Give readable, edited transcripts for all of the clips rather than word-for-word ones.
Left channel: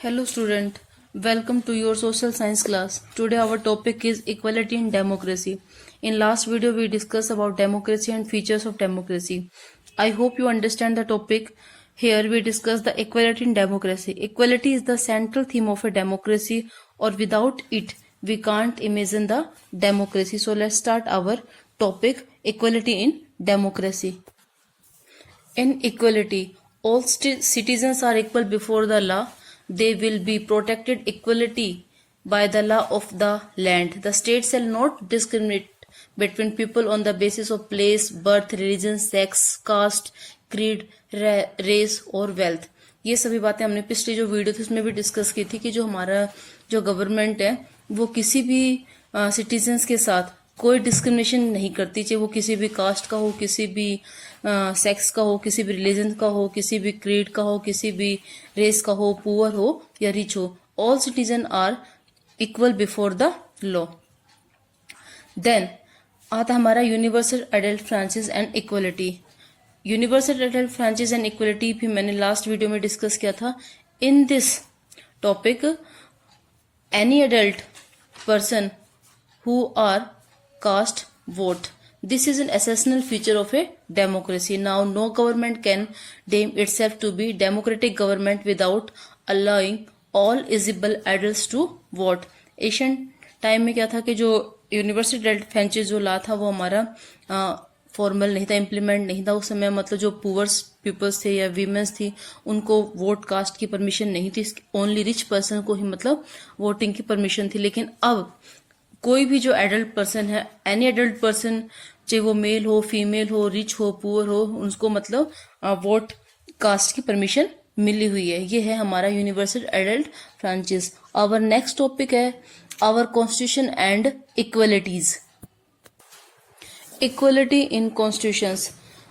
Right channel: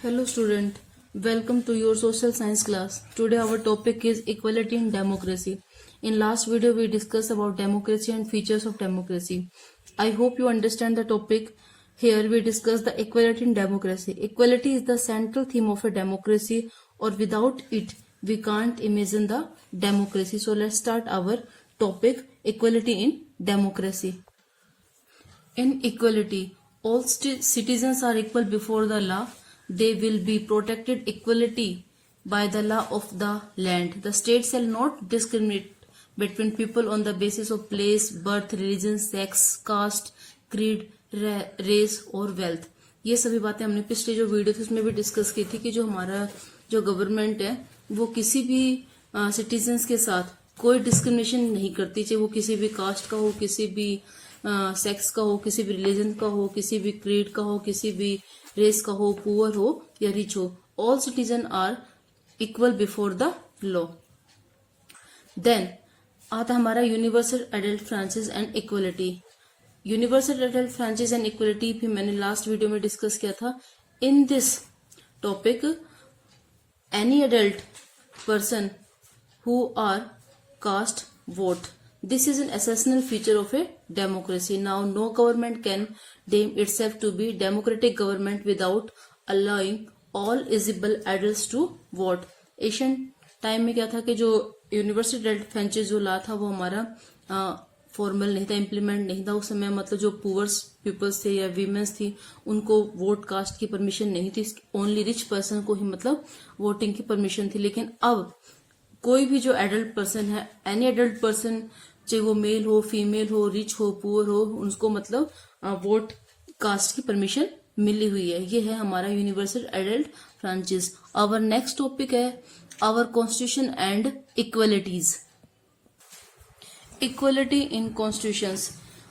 Hello student, welcome to your social science class. Today our topic is equality in democracy. In last video we discussed about democracy and features of democracy. I hope you understand the topic. Here we discuss the equality in democracy. Equality is the central theme of a democracy, or without it we can't imagine the democracy. So let's start our topic, equality in democracy. In equality, all citizens are equal before the law. They will be protected equality by the law of the land. The state shall not discriminate between people on the basis of place, birth, religion, sex, caste, creed, race और wealth. ये सभी बातें हमने पिछली जो video थी उसमें भी डिस्कस की थी कि जो हमारा जो गवर्नमेंट है वो किसी भी सिटीजन्स के साथ कोई डिस्क्रिमिनेशन नहीं करती, चाहे वो किसी भी कास्ट का हो, किसी भी सेक्स का हो, किसी भी रिलीजन का हो, किसी भी क्रीड का हो, किसी भी रेस का हो, पुअर हो या रिच हो. All citizen are equal before the law. Then आता हमारा universal adult franchise and equality. Universal adult franchise and equality भी मैंने लास्ट वीडियो में डिस्कस किया था. In this topic any adult person who are cast vote. This is an essential feature of a democracy. Now no government can deem itself to be democratic government without allowing all eligible adults to vote. Asian time में क्या था कि जो universal adult franchise जो ला था वो हमारा formal नहीं था, इम्प्लीमेंट नहीं था उस समय. मतलब जो पुअर्स पीपल्स थे या वीमेंस थी उनको वोट कास्ट की परमिशन नहीं थी. ओनली रिच पर्सन को ही मतलब वोटिंग की परमिशन थी. लेकिन अब कोई भी जो एडल्ट पर्सन है, एनी एडल्ट पर्सन, चाहे वो मेल हो, फीमेल हो, रिच हो, पुअर हो, उनको मतलब वोट कास्ट की परमिशन मिली हुई है. ये है हमारा universal adult franchise. Our next topic है our constitution and equalities. Equality in constitutions.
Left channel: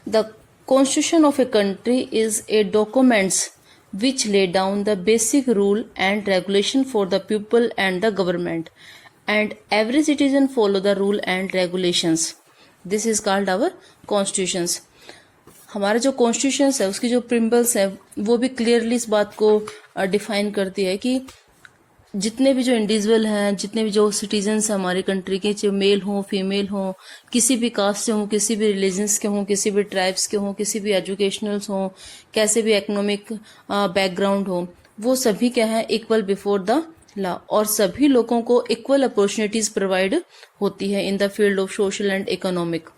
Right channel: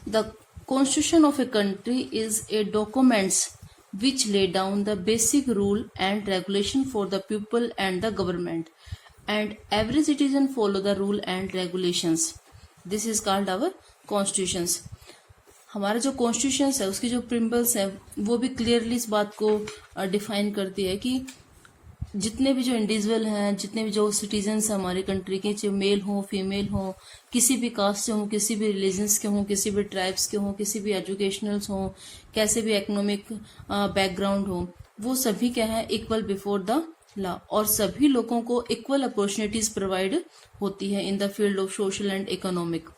The constitution of a country is a documents which lay down the basic rule and regulation for the people and the government, and every citizen follow the rule and regulations. This is called our constitutions. हमारा जो constitution है उसकी जो principles है वो भी clearly इस बात को डिफाइन करती है कि जितने भी जो इंडिविजुअल हैं, जितने भी जो सिटीजन्स हैं हमारी कंट्री के, चाहे मेल हो, फीमेल हो, किसी भी कास्ट से हो, किसी भी रिलीजन्स के हों, किसी भी ट्राइब्स के हों, किसी भी एजुकेशनल्स हों, कैसे भी इकोनॉमिक बैकग्राउंड हो, वो सभी क्या है इक्वल बिफोर द लॉ. और सभी लोगों को इक्वल अपॉर्चुनिटीज प्रोवाइड होती है in the field of social and economic.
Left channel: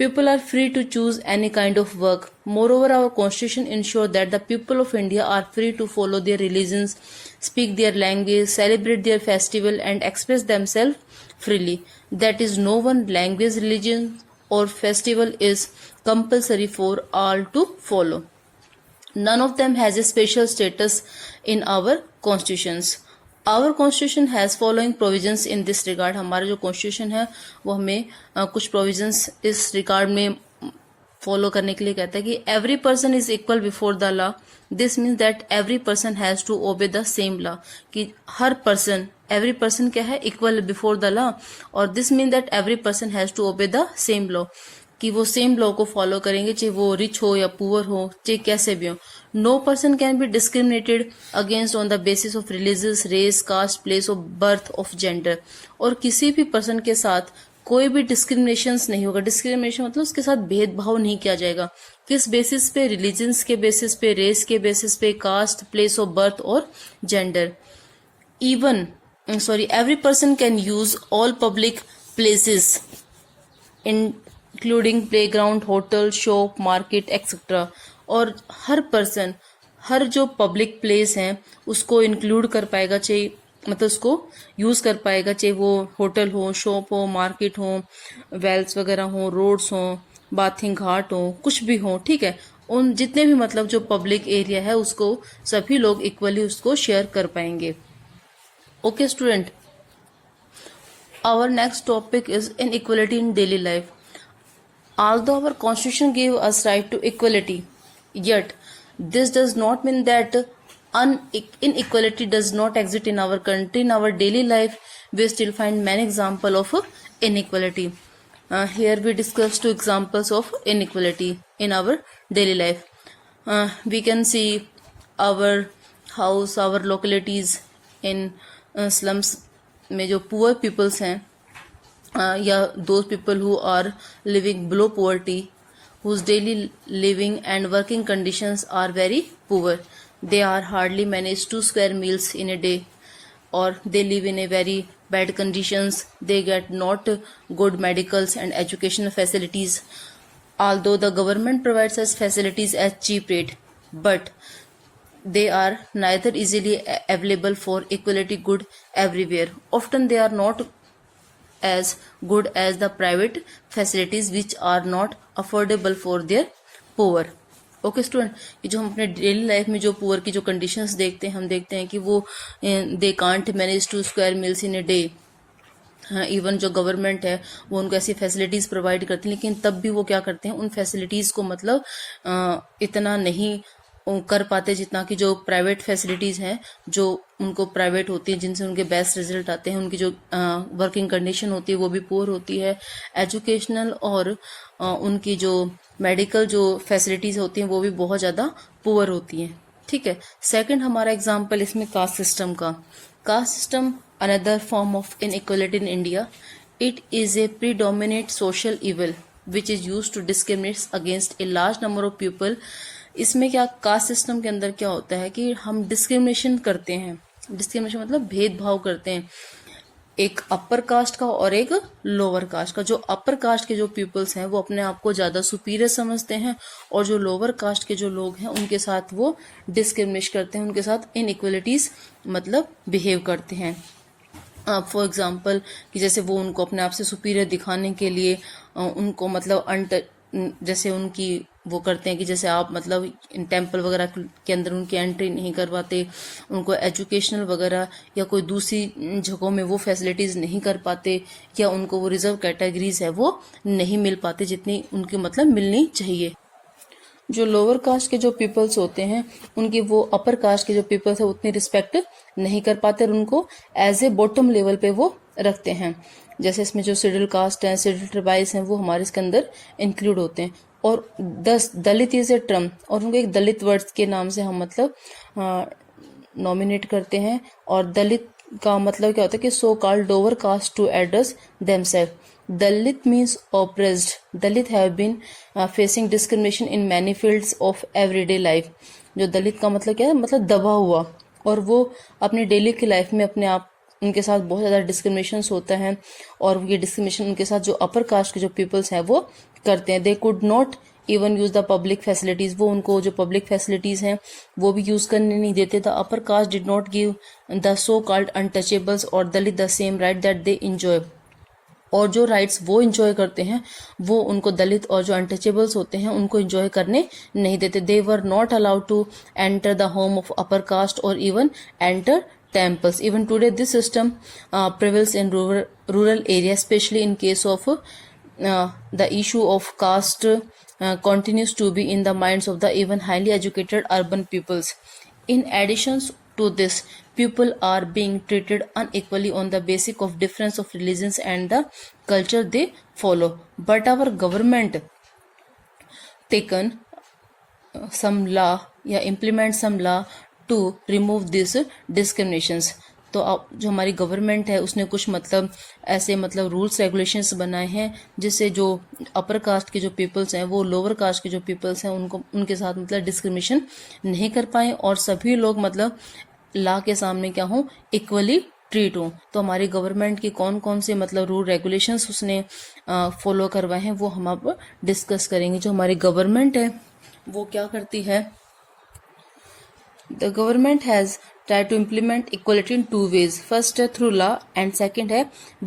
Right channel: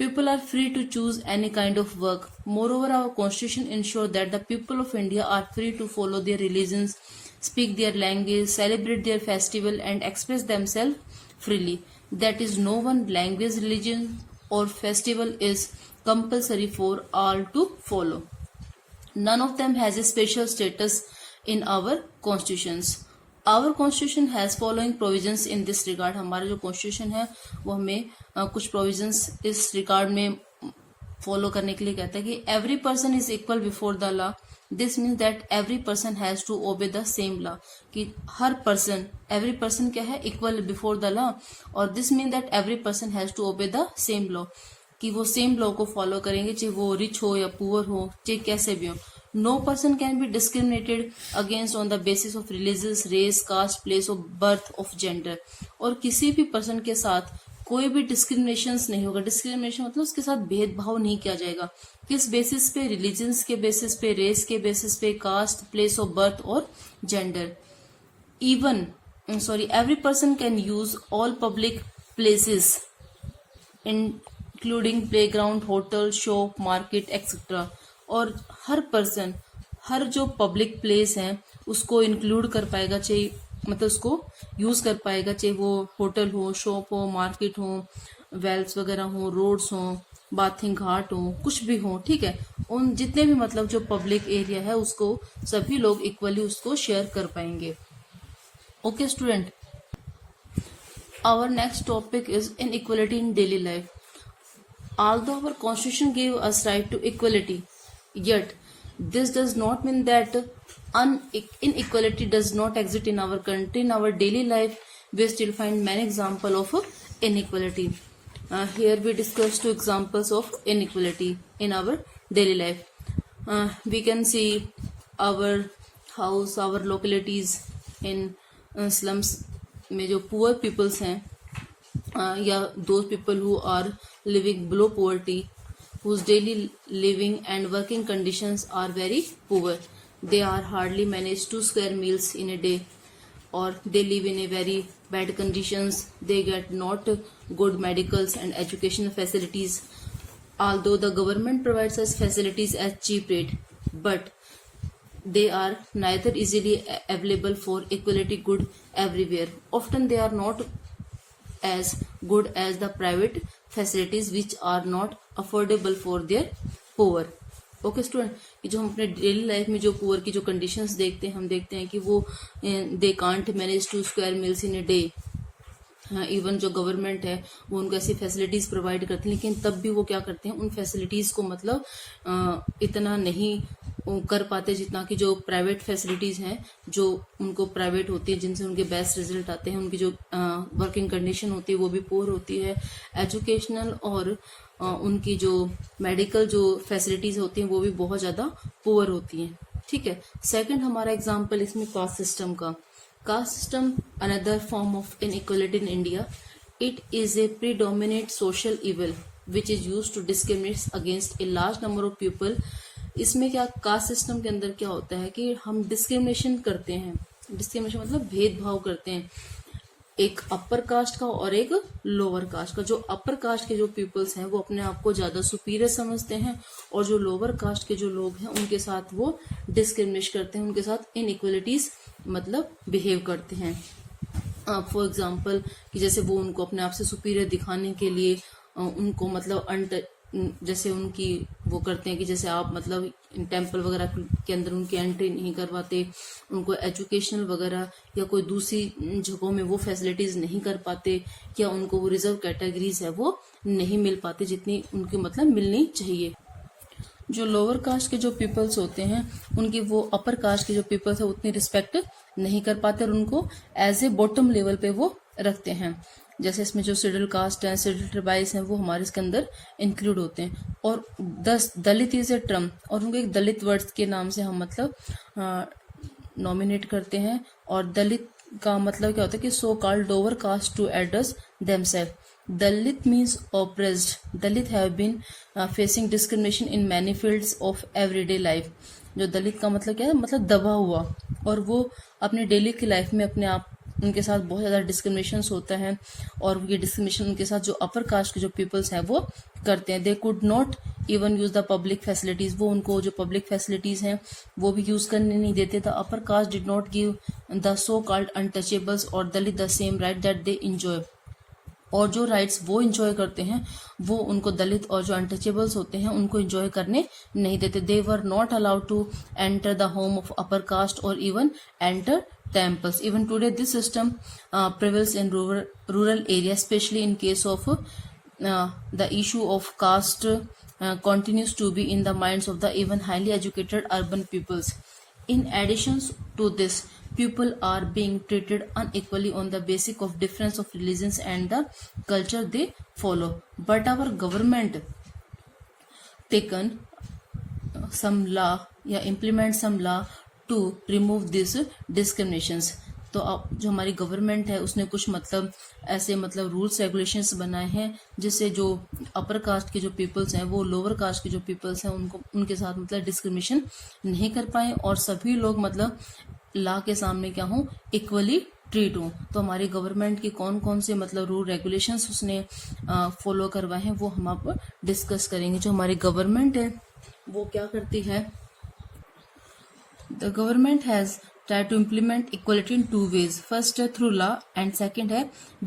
People are free to choose any kind of work. Moreover, our constitution ensures that the people of India are free to follow their religions, speak their language, celebrate their festival, and express themselves freely. That is, no one language, religion, or festival is compulsory for all to follow. None of them has a special status in our constitutions. Our constitution has following provisions in this regard. हमारा जो constitution है वो हमें कुछ provisions इस regard में follow करने के लिए कहता है कि every person is equal before the law. This means that every person has to obey the same law. कि हर person, every person क्या है equal before the law, और this means that every person has to obey the same law. कि वो same law को follow करेंगे, चाहे वो रिच हो या पुअर हो, चाहे कैसे भी हो. No person can be discriminated against on the basis of religious, race, caste, place of birth, of gender. और किसी भी पर्सन के साथ कोई भी डिस्क्रिमिनेशन नहीं होगा. डिस्क्रिमिनेशन मतलब उसके साथ भेदभाव नहीं किया जाएगा. किस बेसिस पे? रिलीजन्स के बेसिस पे, रेस के बेसिस पे, कास्ट, प्लेस ऑफ बर्थ और gender. Every person can use all public places including playground, hotel, shop, market etcetera. और हर पर्सन हर जो पब्लिक प्लेस हैं उसको इंक्लूड कर पाएगा, चाहे मतलब उसको यूज कर पाएगा, चाहे वो होटल हो, शॉप हो, मार्केट हो, वेल्स वगैरह हो, रोड्स हो, बाथिंग घाट हो, कुछ भी हो. ठीक है, उन जितने भी मतलब जो पब्लिक एरिया है उसको सभी लोग इक्वली उसको शेयर कर पाएंगे. Okay student, our next topic is inequality in daily life. Although our constitution gives us right to equality, yet this does not mean that inequality does not exist in our country. In our daily life, we still find many examples of inequality. Here we discuss two examples of inequality in our daily life. We can see our house our localities in slums में जो poor peoples हैं या those people who are living below poverty, whose daily living and working conditions are very poor. They are hardly manage 2 square meals in a day, or they live in a very bad conditions. They get not good medicals and educational facilities. Although the government provides us facilities at cheap rate, but they are neither easily available for equality good everywhere. Often they are not as good as the private facilities which are not affordable for their poor. Okay student, कि जो हम अपने daily life में जो poor की जो conditions देखते हैं, हम देखते हैं कि वो they can't manage 2 square meals in a day. Even जो गवर्नमेंट है वो उनको ऐसी फैसिलिटीज़ प्रोवाइड करती है, लेकिन तब भी वो क्या करते हैं, उन फैसिलिटीज़ को मतलब इतना नहीं कर पाते जितना कि जो प्राइवेट फैसिलिटीज़ हैं जो उनको प्राइवेट होती है, जिनसे उनके बेस्ट रिजल्ट आते हैं, उनकी जो वर्किंग कंडीशन होती है वो भी पुअर होती है. एजुकेशनल और उनकी जो मेडिकल जो फैसिलिटीज़ होती हैं वो भी बहुत ज़्यादा पुअर होती हैं. ठीक है. सेकंड हमारा एग्जांपल इसमें कास्ट सिस्टम का. Caste system, another form of inequality in India. It is a predominant social evil which is used to discriminate against a large number of people. इसमें क्या कास्ट सिस्टम के अंदर क्या होता है कि हम डिस्क्रिमिनेशन करते हैं. डिस्क्रिमिनेशन मतलब भेदभाव करते हैं एक अपर कास्ट का और एक लोअर कास्ट का. जो अपर कास्ट के जो पीपल्स हैं वो अपने आप को ज़्यादा सुपीरियर समझते हैं, और जो लोअर कास्ट के जो लोग हैं उनके साथ वो डिस्क्रिमिनेट करते हैं, उनके साथ इनइक्वलिटीज़ मतलब बिहेव करते हैं. फॉर एग्जांपल कि जैसे वो उनको अपने आप से सुपीरियर दिखाने के लिए उनको मतलब जैसे उनकी वो करते हैं कि जैसे आप मतलब टेम्पल वगैरह के अंदर उनकी एंट्री नहीं करवाते, उनको एजुकेशनल वगैरह या कोई दूसरी जगहों में वो फैसिलिटीज़ नहीं कर पाते, या उनको वो रिजर्व कैटेगरीज है वो नहीं मिल पाते जितनी उनकी मतलब मिलनी चाहिए. जो लोअर कास्ट के जो पीपल्स होते हैं उनकी वो अपर कास्ट के जो पीपल्स है उतनी रिस्पेक्ट नहीं कर पाते और उनको एज ए बॉटम लेवल पे वो रखते हैं. जैसे इसमें जो शेड्यूल कास्ट हैं, शेड्यूल ट्राइब्स हैं, वो हमारे इसके अंदर इंक्लूड होते हैं. और दलित इज ए टर्म, और उनको एक दलित वर्ड्स के नाम से हम मतलब नॉमिनेट करते हैं. और दलित का मतलब क्या होता है कि so called lower caste to address themself. Dalit means oppressed. Dalit have been facing discrimination in many fields of everyday life. जो दलित का मतलब क्या है, मतलब दबा हुआ, और वो अपनी डेली की लाइफ में अपने आप उनके साथ बहुत ज़्यादा डिस्क्रिमिनेशन होता है, और ये डिस्क्रिमिनेशन उनके साथ जो अपर कास्ट के जो पीपल्स हैं वो करते हैं. They could not even use the public facilities. वो उनको जो पब्लिक फैसिलिटीज़ हैं वो भी यूज़ करने नहीं देते. The upper caste did not give the so called untouchables और Dalit the same right that they enjoy. और जो राइट्स वो इंजॉय करते हैं वो उनको दलित और जो अनटचेबल्स होते हैं उनको इंजॉय करने नहीं देते. They were not allowed to enter the home of upper caste और even enter temples. Even today this system prevails in rural areas, especially in case of the issue of caste continues to be in the minds of the even highly educated urban peoples. In addition to this, people are being treated unequally on the basis of difference of religions and the culture they follow. But our government taken some law या implement some law to remove these discriminations. तो अब जो हमारी government है उसने कुछ मतलब ऐसे मतलब रूल्स रेगुलेशंस बनाए हैं जिससे जो अपर कास्ट के जो पीपल्स हैं वो लोअर कास्ट के जो पीपल्स हैं उनको उनके साथ मतलब डिस्क्रिमिनेशन नहीं कर पाए, और सभी लोग मतलब लॉ के सामने क्या हों, इक्वली ट्रीट हों. तो हमारी गवर्नमेंट की कौन कौन से मतलब रूल रेगुलेशंस उसने फॉलो करवाए हैं वो हम अब डिस्कस करेंगे. जो हमारी गवर्नमेंट है वो क्या करती है, The government has tried to implement equality in two ways. First है through law and second है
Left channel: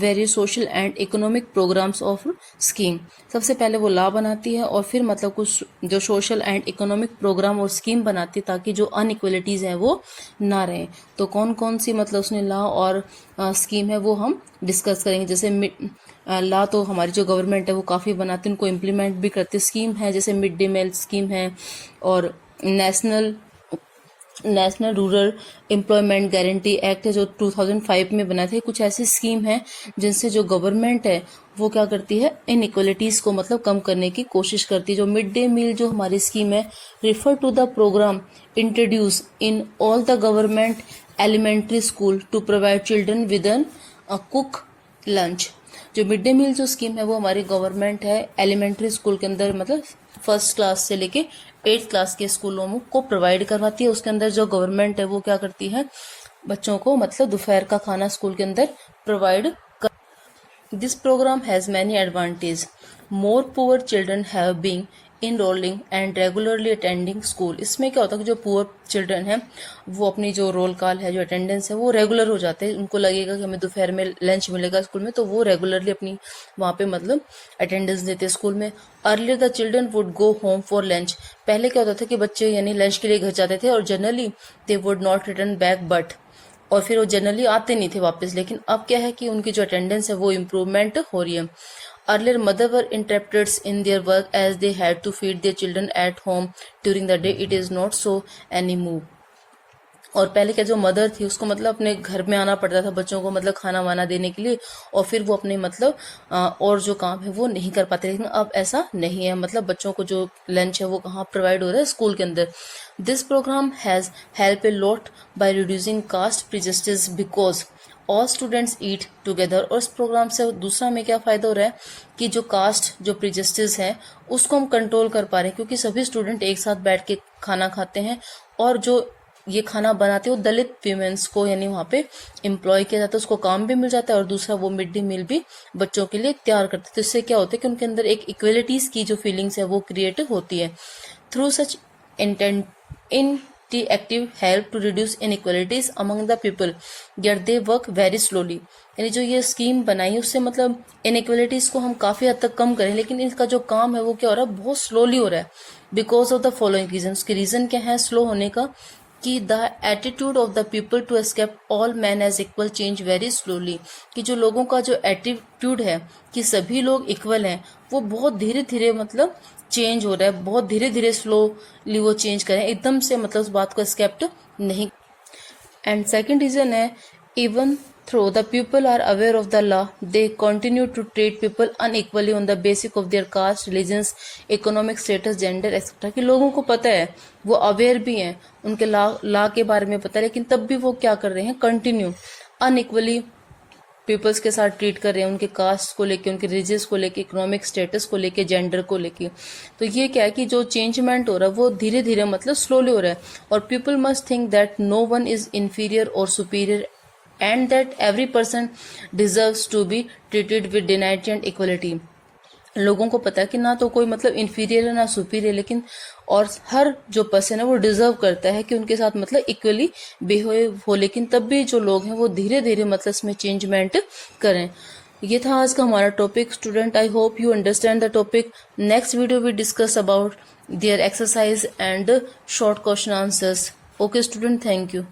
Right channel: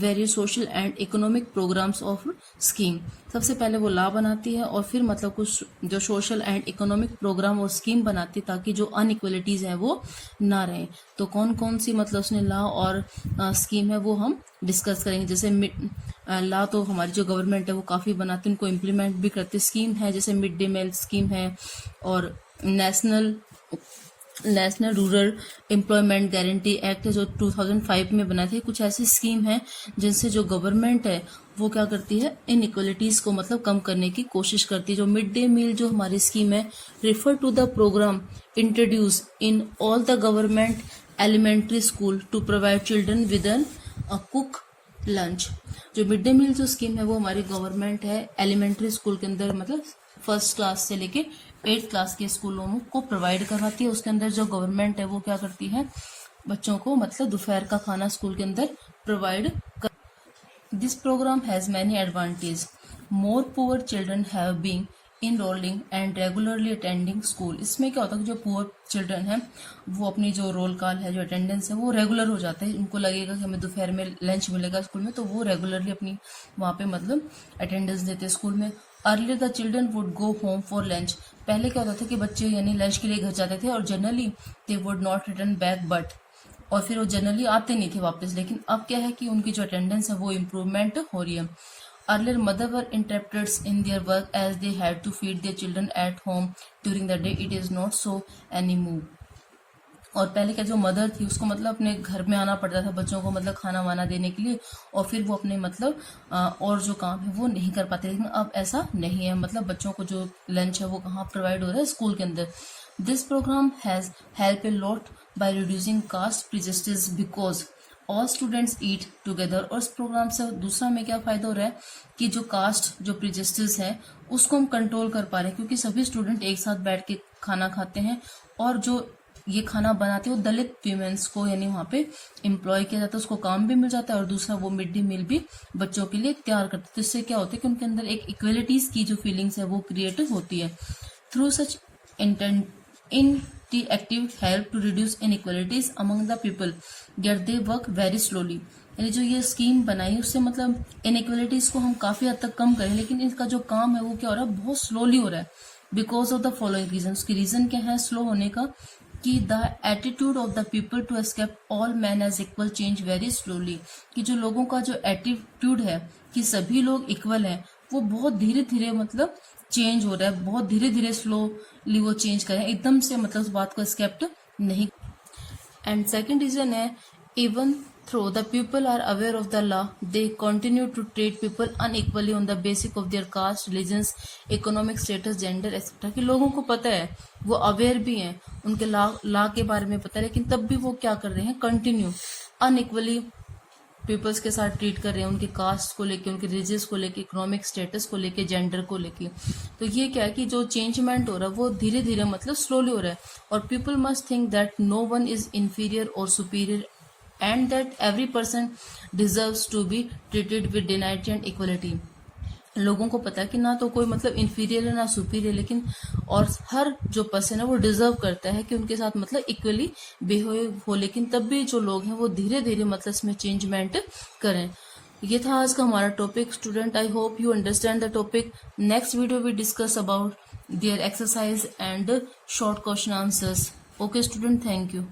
various social and economic programs of scheme. सबसे पहले वो लॉ बनाती है और फिर मतलब कुछ जो सोशल एंड इकोनॉमिक प्रोग्राम और स्कीम बनाती है ताकि जो अनइक्वलिटीज़ हैं वो ना रहें. तो कौन कौन सी मतलब उसने लॉ और स्कीम है वो हम डिस्कस करेंगे. जैसे लॉ तो हमारी जो गवर्नमेंट है वो काफ़ी बनाती है, उनको इम्प्लीमेंट भी करती है. स्कीम है जैसे मिड डे मील स्कीम है और national national rural employment guarantee act है जो 2005 में बना था। कुछ ऐसी स्कीम है जिनसे जो गवर्नमेंट है वो क्या करती है, इनइक्वलिटीज को मतलब कम करने की कोशिश करती है। जो मिड डे मील जो हमारी स्कीम है, refer to the programme introduce in all the government elementary school to provide children with an cook lunch. जो मिड डे मील जो स्कीम है वो हमारी गवर्नमेंट है एलिमेंट्री स्कूल के अंदर मतलब फर्स्ट क्लास से लेके 8th क्लास के स्कूलों को प्रोवाइड करवाती है। उसके अंदर जो गवर्नमेंट है वो क्या करती है, बच्चों को मतलब दोपहर का खाना स्कूल के अंदर प्रोवाइड कर। This programme has many advantage. More poor children have been enrolling and regularly attending school. इसमें क्या होता है कि जो पुअर चिल्ड्रन है वो अपनी जो रोल कॉल है, जो अटेंडेंस है वो रेगुलर हो जाते हैं। उनको लगेगा कि हमें दोपहर में लंच मिलेगा स्कूल में, तो वो रेगुलरली अपनी वहाँ पे मतलब अटेंडेंस देते हैं स्कूल में। Earlier the children would go home for lunch. पहले क्या होता था कि बच्चे यानी लंच के लिए घर जाते थे और generally they would not return back but, और फिर वो जनरली आते नहीं थे वापस। लेकिन अब क्या है कि उनकी जो अटेंडेंस है वो इम्प्रूवमेंट हो रही है। Earlier, mother were interrupted in their work as they had to feed their children at home during the day. It is not so anymore. और पहले क्या जो मदर थी उसको मतलब अपने घर में आना पड़ता था बच्चों को मतलब खाना वाना देने के लिए, और फिर वो अपने मतलब और जो काम है वो नहीं कर पाते। लेकिन अब ऐसा नहीं है, मतलब बच्चों को जो लंच है वो कहाँ प्रोवाइड हो रहा है, स्कूल के अंदर। This programme has help a lot by reducing caste prejudice because all students eat together. और इस प्रोग्राम से दूसरा हमें क्या फायदा हो रहा है कि जो कास्ट जो प्रिजस्टिस है उसको हम कंट्रोल कर पा रहे हैं, क्योंकि सभी स्टूडेंट एक साथ बैठ के खाना खाते हैं। और जो ये खाना बनाते हो दलित वीमेंस को यानी वहाँ पे एम्प्लॉय किया जाता है, उसको काम भी मिल जाता है, और दूसरा वो मिड डे मील भी बच्चों के लिए तैयार करते हैं। तो इससे क्या होता है कि उनके अंदर एक इक्वलिटीज की जो फीलिंग्स है वो क्रिएट होती है। Through such active help to reduce inequalities among the people yet they work very slowly. यानी जो ये स्कीम बनाई उससे मतलब इनइक्वलिटीज को हम काफी हद तक कम करें, लेकिन इसका जो काम है वो क्या हो रहा है, बहुत स्लोली हो रहा है। Because of the following reason. उसके रीजन क्या है स्लो होने का, कि the attitude of the people to accept all man as equal change very slowly. कि जो लोगों का जो एटीट्यूड है कि सभी लोग इक्वल हैं वो बहुत धीरे धीरे मतलब चेंज हो रहा है, बहुत धीरे धीरे स्लोली वो चेंज करें, एकदम से मतलब उस बात को एक्सेप्ट नहीं। एंड सेकेंड रीजन है even through the people are aware of the law they continue to treat people unequally on the basic of their caste religions economic status gender etcetera. कि लोगों को पता है, वो अवेयर भी हैं, उनके लॉ के बारे में पता है, लेकिन तब भी वो क्या कर रहे हैं, कंटिन्यू अनइक्वली पीपल्स के साथ ट्रीट कर रहे हैं, उनके कास्ट को लेके, उनके रिलीजियस को लेके, इकोनॉमिक स्टेटस को लेके, जेंडर को लेके। तो ये क्या है कि जो चेंजमेंट हो रहा है वो धीरे धीरे मतलब स्लोली हो रहा है। और people must think that no one is inferior और superior and that every person deserves to be treated with dignity and equality. लोगों को पता है कि ना तो कोई मतलब इंफीरियर है ना सुपीरियर, लेकिन और हर जो पर्सन है वो डिजर्व करता है कि उनके साथ मतलब इक्वली बिहेव हो। लेकिन तब भी जो लोग हैं वो धीरे धीरे मतलब इसमें चेंजमेंट करें। ये था आज का हमारा topic student. I hope you understand the topic. Next video we discuss about their exercise and short question answers. Okay student, thank you.